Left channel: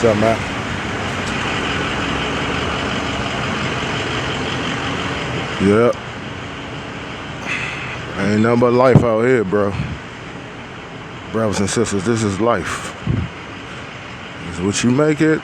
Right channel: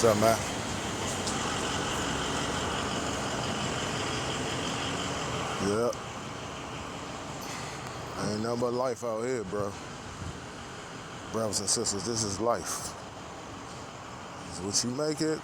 What's up, man? Yeah, ain't nothing but life out here, bro. Brothers and sisters, this is life. This is what you make it.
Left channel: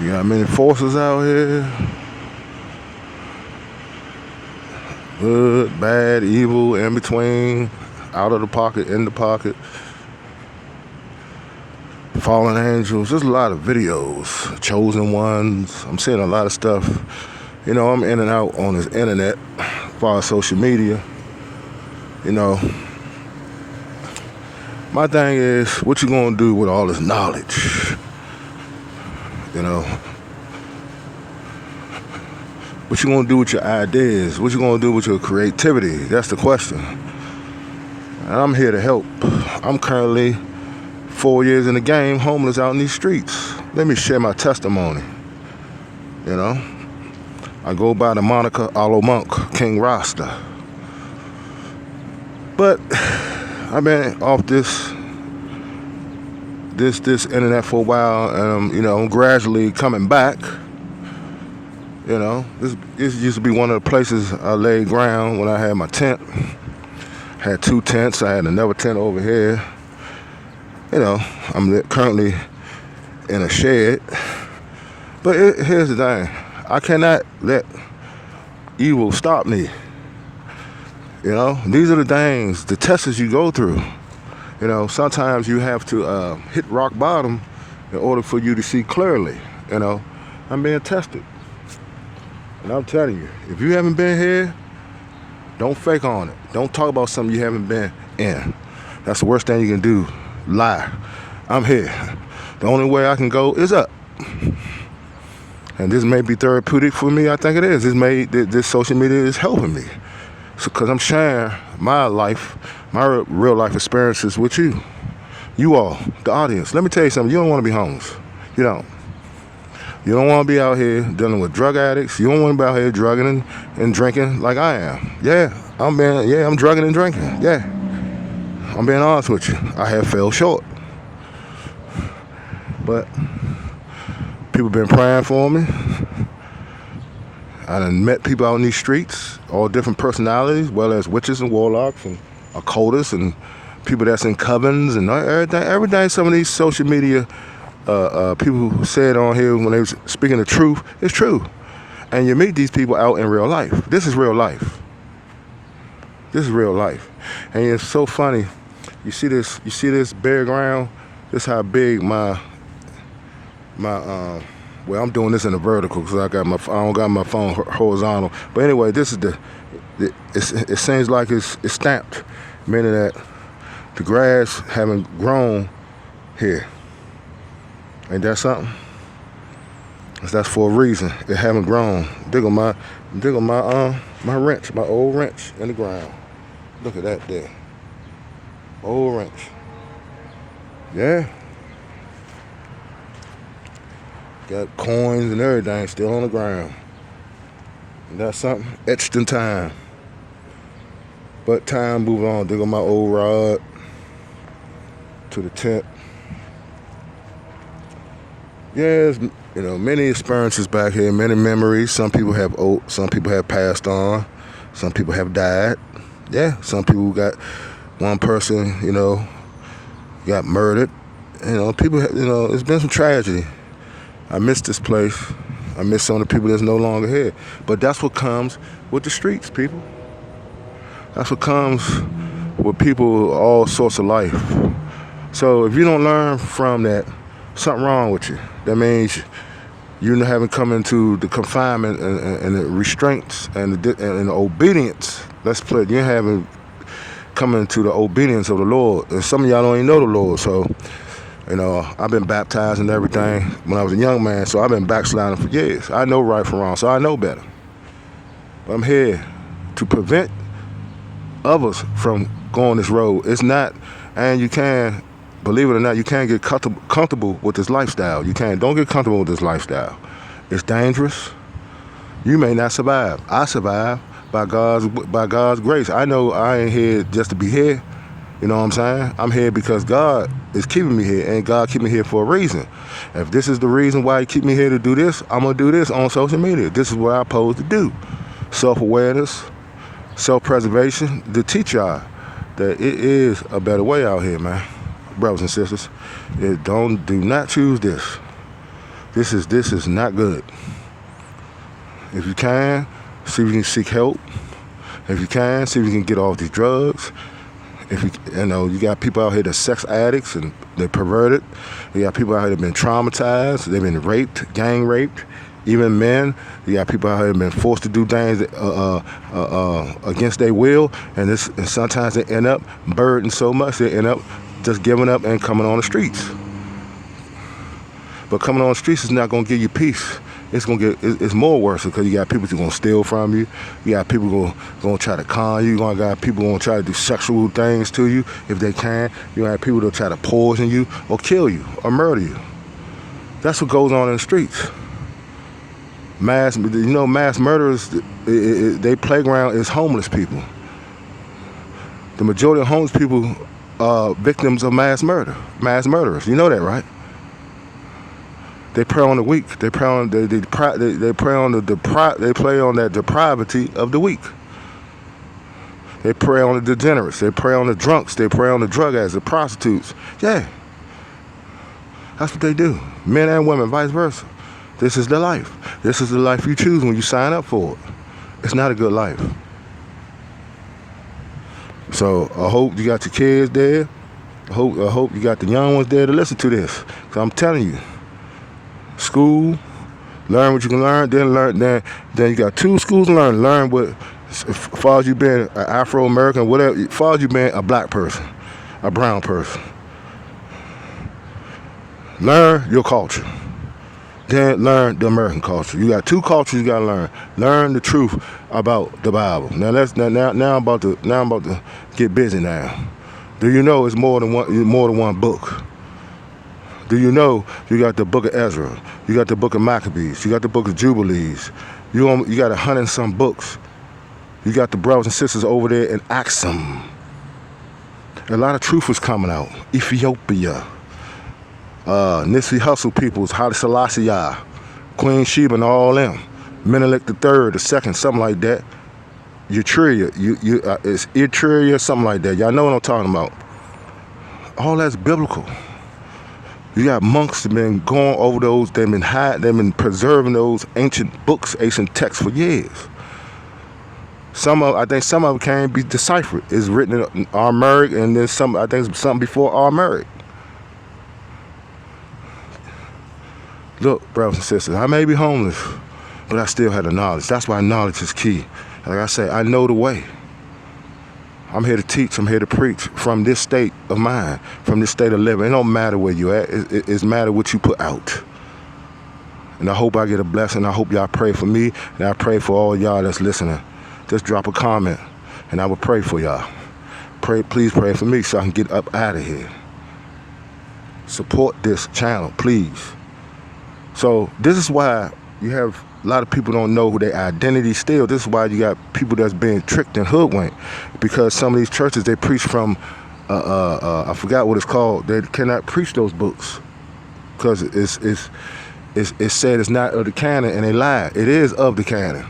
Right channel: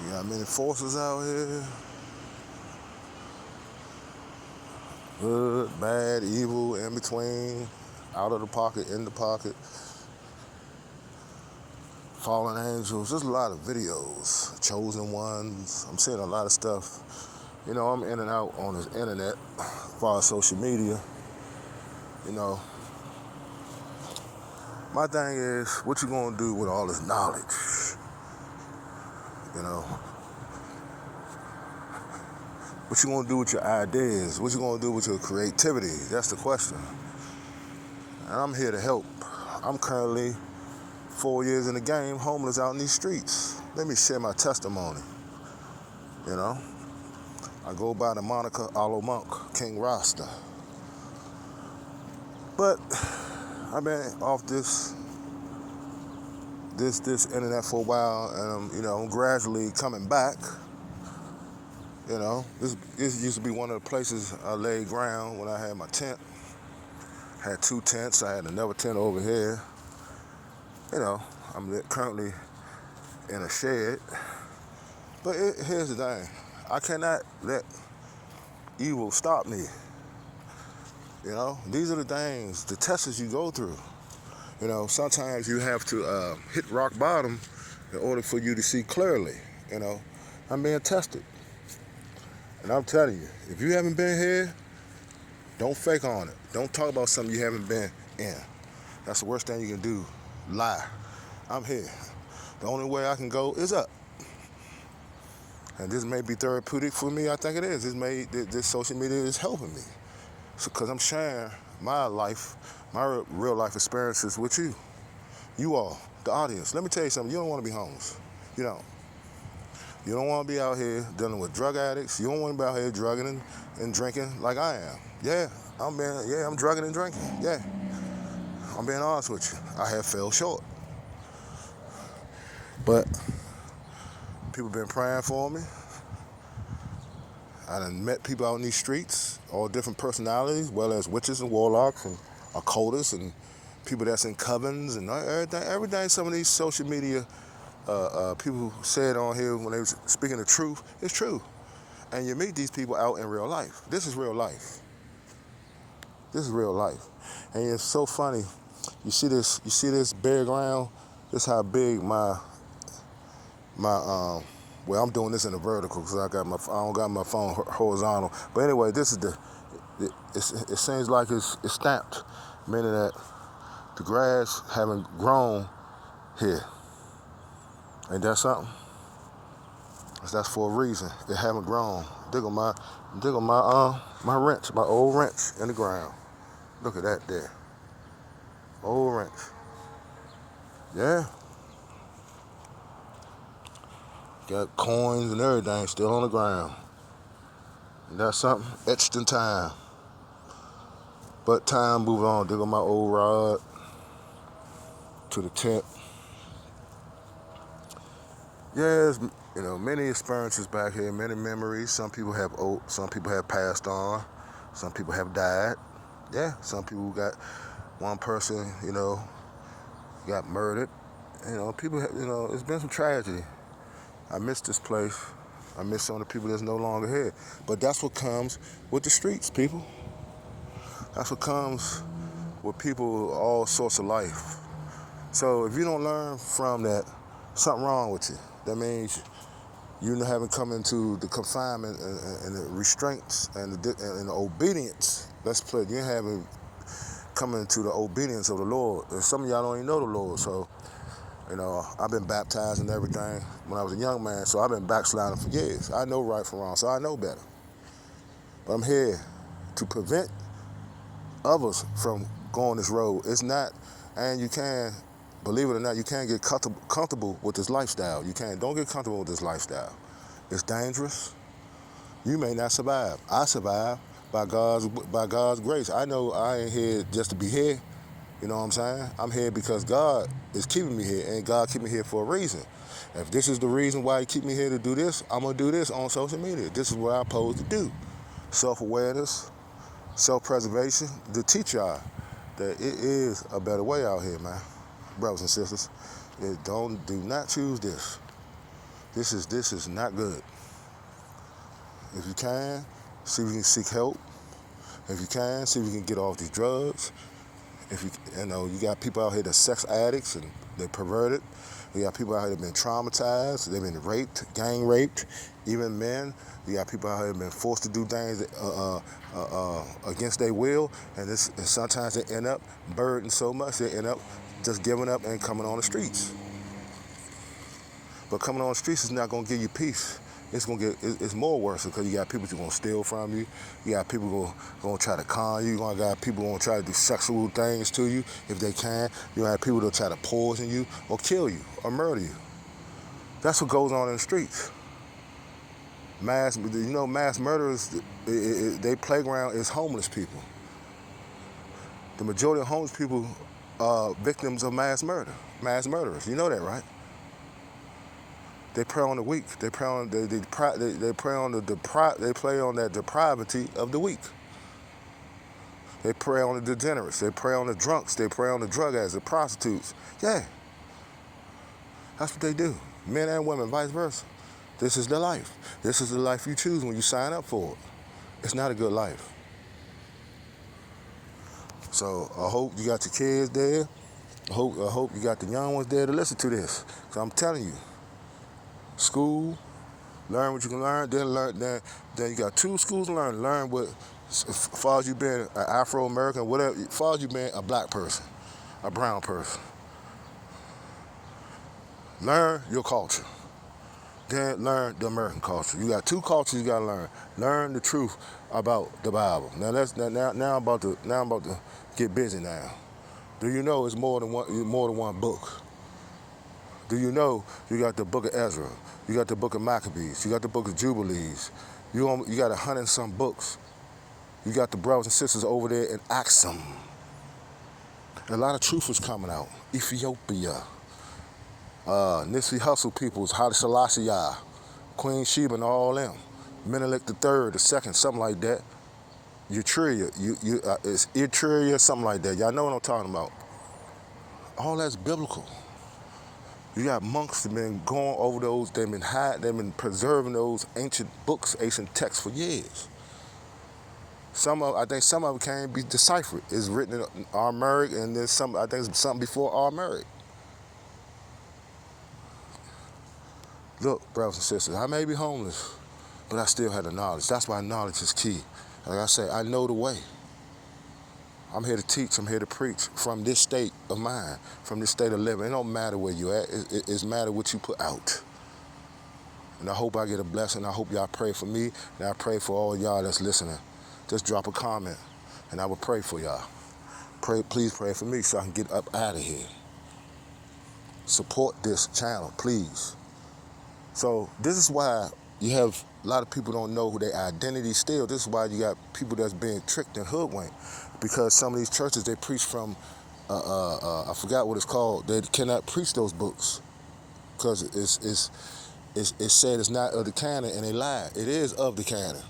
You got many forces out here. Good, bad, evil, in between, out of the pocket, in the pocket. Fallen angels. There's a lot of videos. Chosen ones. I'm seeing a lot of stuff. You know, I'm in and out on this internet, as far as social media. You know, my thing is, what you gonna do with all this knowledge? You know, what you gonna do with your ideas? What you gonna do with your creativity? That's the question. And I'm here to help. I'm currently 4 years in the game, homeless out in these streets. Let me share my testimony. You know, I go by the moniker Aloe Monk, King Rasta. But I've been off this internet for a while, and you know, I'm gradually coming back. You know, this used to be one of the places I laid ground when I had my tent. Had 2 tents. I had another tent over here. You know, I'm currently in a shed. But here's the thing. I cannot let evil stop me. You know, these are the things, the tests you go through. You know, sometimes you have to hit rock bottom in order for you to see clearly. You know, I'm being tested. And I'm telling you, if you haven't been here, don't fake on it. Don't talk about something you haven't been in. That's the worst thing you can do. Lie. I'm here. The only way I can go is up. And this may be therapeutic for me. I think it is. This social media is helping me. Because I'm sharing my life, my real life experiences with you. You all, the audience. Let me tell you something. You don't want to be homeless. You don't. You don't want to be out here dealing with drug addicts. You don't want to be out here drugging and drinking like I am. I'm drugging and drinking. Yeah. I'm being honest with you. I have fell short. But people been praying for me. I done met people out in these streets, all different personalities, well as witches and warlocks and occultists and people that's in covens and everything some of these social media people who said on here when they was speaking the truth, it's true. And you meet these people out in real life. This is real life. This is real life. And it's so funny. You see this bare ground? This how big my well, I'm doing this in a vertical because I don't got my phone horizontal. But anyway, this is it seems like it's stamped, meaning that the grass haven't grown here. Ain't that something? That's for a reason. It haven't grown. Dig on my wrench, my old wrench in the ground. Look at that there. Old wrench. Yeah. Got coins and everything still on the ground. And that's something etched in time. But time moving on. Dig on my old rod to the tent. Yeah, you know, many experiences back here, many memories. Some people have passed on. Some people have died. Yeah, some people got, one person, you know, got murdered. You know, it's been some tragedy. I miss this place. I miss some of the people that's no longer here. But that's what comes with the streets, people. That's what comes with people, all sorts of life. So if you don't learn from that, something wrong with you. That means you haven't come into the confinement and the restraints and the obedience. Let's put it. You haven't come into the obedience of the Lord. And some of y'all don't even know the Lord. So, you know, I've been baptized and everything when I was a young man. So I've been backsliding for years. I know right from wrong. So I know better. But I'm here to prevent others from going this road. It's not, and you can. Believe it or not, you can't get comfortable with this lifestyle. Don't get comfortable with this lifestyle. It's dangerous. You may not survive. I survived by God's grace. I know I ain't here just to be here. You know what I'm saying? I'm here because God is keeping me here, and God keep me here for a reason. If this is the reason why He keep me here to do this, I'm gonna do this on social media. This is what I'm supposed to do. Self-awareness, self-preservation, to teach y'all that it is a better way out here, man. Brothers and sisters, do not choose this. This is not good. If you can, see if you can seek help. If you can, see if you can get off these drugs. If you got people out here that's sex addicts and they're perverted. You got people out here that have been traumatized. They've been raped, gang raped. Even men. You got people out here that have been forced to do things against their will, and sometimes they end up burdened so much they end up just giving up and coming on the streets. But coming on the streets is not gonna give you peace. It's more worse because you got people who gonna steal from you. You got people who gonna try to con you. You got people gonna try to do sexual things to you if they can. You got people that try to poison you or kill you or murder you. That's what goes on in the streets. Mass murderers, their playground is homeless people. The majority of homeless people are victims of mass murderers. You know that, right? They prey on the weak. They prey on that depravity of the weak. They prey on the degenerates. They prey on the drunks. They prey on the drug addicts, the prostitutes. Yeah, that's what they do. Men and women, vice versa. This is the life. This is the life you choose when you sign up for it. It's not a good life. So I hope you got your kids there. I hope you got the young ones there to listen to this. Because I'm telling you, school, learn what you can learn, then you got 2 schools to learn. Learn what, as far as you been an Afro-American, whatever, as far as you been a black person, a brown person. Learn your culture. Then learn the American culture. You got 2 cultures you gotta learn. Learn the truth about the Bible. Now I'm about to get busy now. Do you know it's more than one book? Do you know you got the book of Ezra, you got the book of Maccabees, you got the book of Jubilees, you got 100 and some books. You got the brothers and sisters over there in Axum. A lot of truth was coming out. Ethiopia, Nipsey Hussle peoples, Haile Selassie, Queen Sheba and all them, Menelik the Third, the Second, something like that. Etruria, it's Etruria, something like that. Y'all know what I'm talking about. All that's biblical. You got monks that been going over those, they've been preserving those ancient books, ancient texts for years. I think some of them can't be deciphered. It's written in Aramaic, and then I think something before Aramaic. Look, brothers and sisters, I may be homeless, but I still have the knowledge. That's why knowledge is key. Like I say, I know the way. I'm here to teach, I'm here to preach from this state of mind, from this state of living. It don't matter where you at, it's matter what you put out. And I hope I get a blessing. I hope y'all pray for me, and I pray for all y'all that's listening. Just drop a comment, and I will pray for y'all. Please pray for me so I can get up out of here. Support this channel, please. So this is why you have a lot of people don't know who their identity still. This is why you got people that's being tricked and hoodwinked, because some of these churches, they preach from I forgot what it's called. They cannot preach those books because it's said it's not of the canon, and they lie. It is of the canon.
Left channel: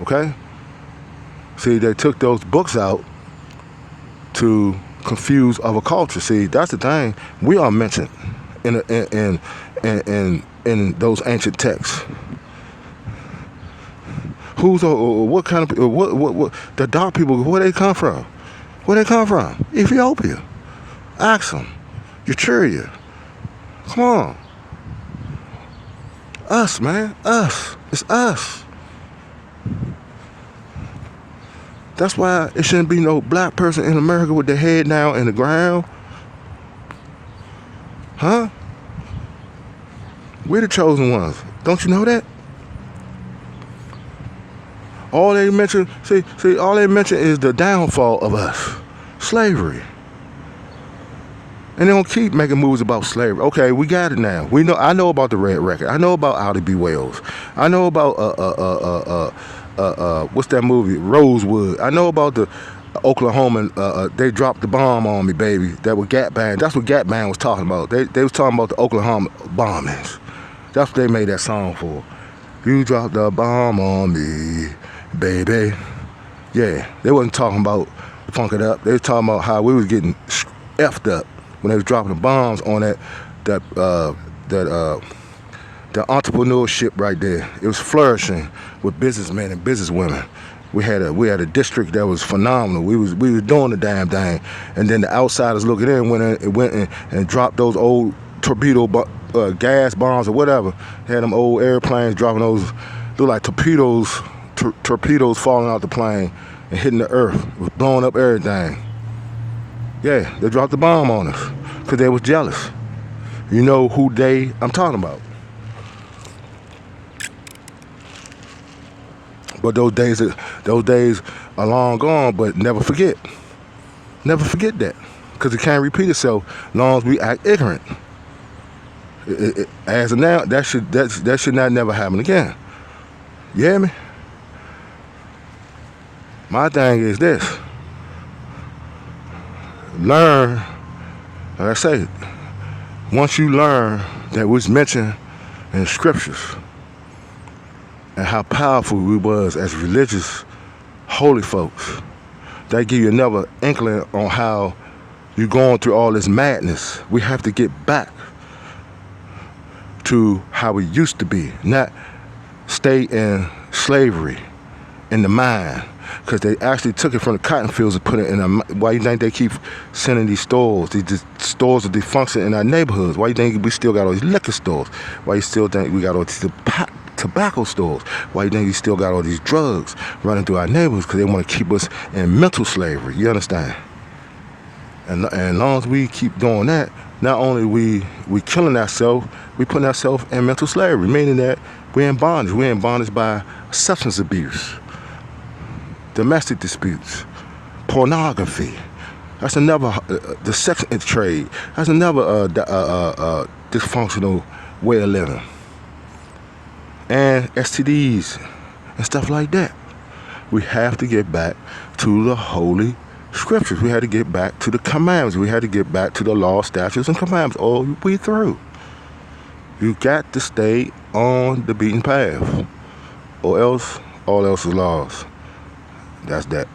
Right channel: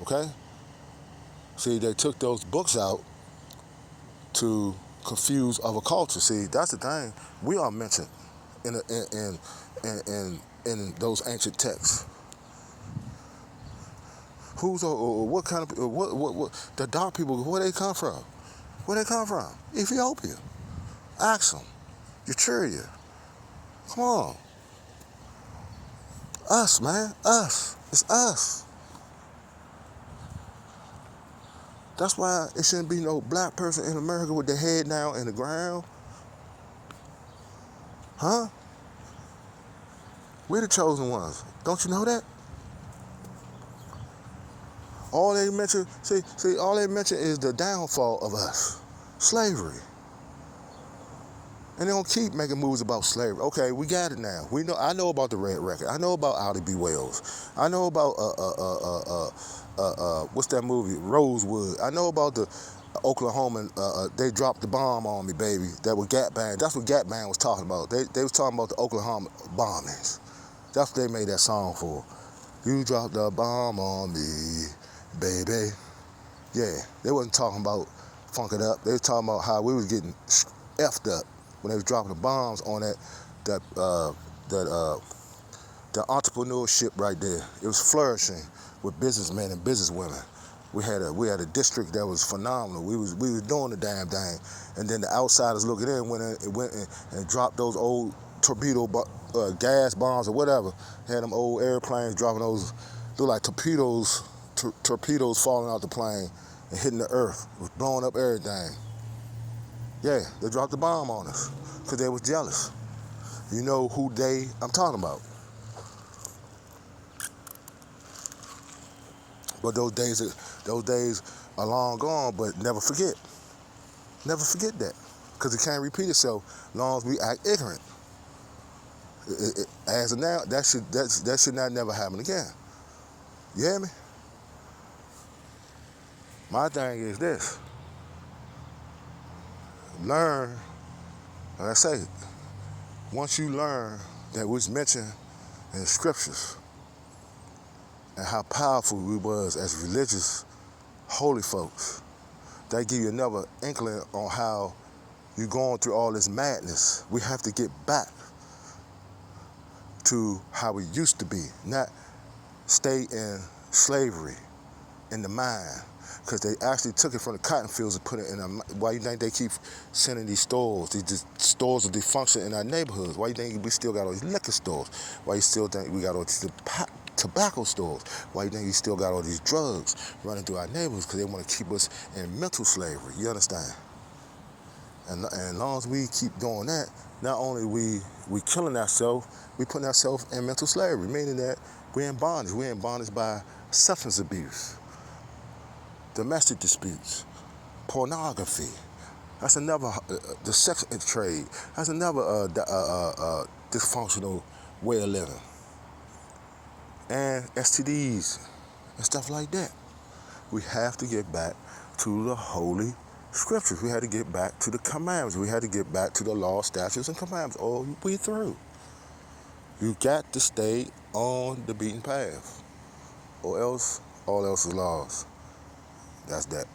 Okay? See, they took those books out to confuse other culture. See, that's the thing. We are mentioned in those ancient texts. What kind of what the dark people? Where they come from? Where they come from? Ethiopia, Axum, Etruria. Come on, us, man, us. It's us. That's why it shouldn't be no black person in America with their head down in the ground. Huh? We're the chosen ones. Don't you know that? All they mention, all they mention is the downfall of us. Slavery. And they don't keep making movies about slavery. Okay, we got it now. I know about the Red Record. I know about Ida B. Wells. I know about what's that movie? Rosewood. I know about Oklahoma, they dropped the bomb on me, baby. That was Gap Band. That's what Gap Band was talking about. They was talking about the Oklahoma bombings. That's what they made that song for. You dropped the bomb on me, baby. Yeah, they wasn't talking about Funk It Up. They was talking about how we was getting effed up when they was dropping the bombs on that the entrepreneurship right there. It was flourishing with businessmen and businesswomen. We had a district that was phenomenal. We was doing the damn thing, and then the outsiders looking in went in and dropped those old torpedo gas bombs or whatever. They had them old airplanes dropping those look like torpedoes falling out the plane and hitting the earth, blowing up everything. Yeah, they dropped the bomb on us because they was jealous. You know who I'm talking about. But those days are long gone. But never forget that, because it can't repeat itself as long as we act ignorant. As of now, that should not never happen again. You hear me? My thing is this: learn. Like I say, once you learn that was mentioned in scriptures, and how powerful we was as religious, holy folks, that give you another inkling on how you're going through all this madness. We have to get back to how we used to be, not stay in slavery in the mind, because they actually took it from the cotton fields and put it in why you think they keep sending these stores of dysfunction in our neighborhoods? Why you think we still got all these liquor stores? Why you still think we got all these tobacco stores? Why you think you still got all these drugs running through our neighborhoods? Because they want to keep us in mental slavery. You understand? And as long as we keep doing that, not only we killing ourselves, we putting ourselves in mental slavery, meaning that we're in bondage. We're in bondage by substance abuse, domestic disputes, pornography. That's another the sex trade. That's another dysfunctional way of living. And STDs and stuff like that. We have to get back to the holy scriptures. We had to get back to the commandments. We had to get back to the law, statutes, and commandments all the way through. You got to stay on the beaten path, or else all else is lost. That's that.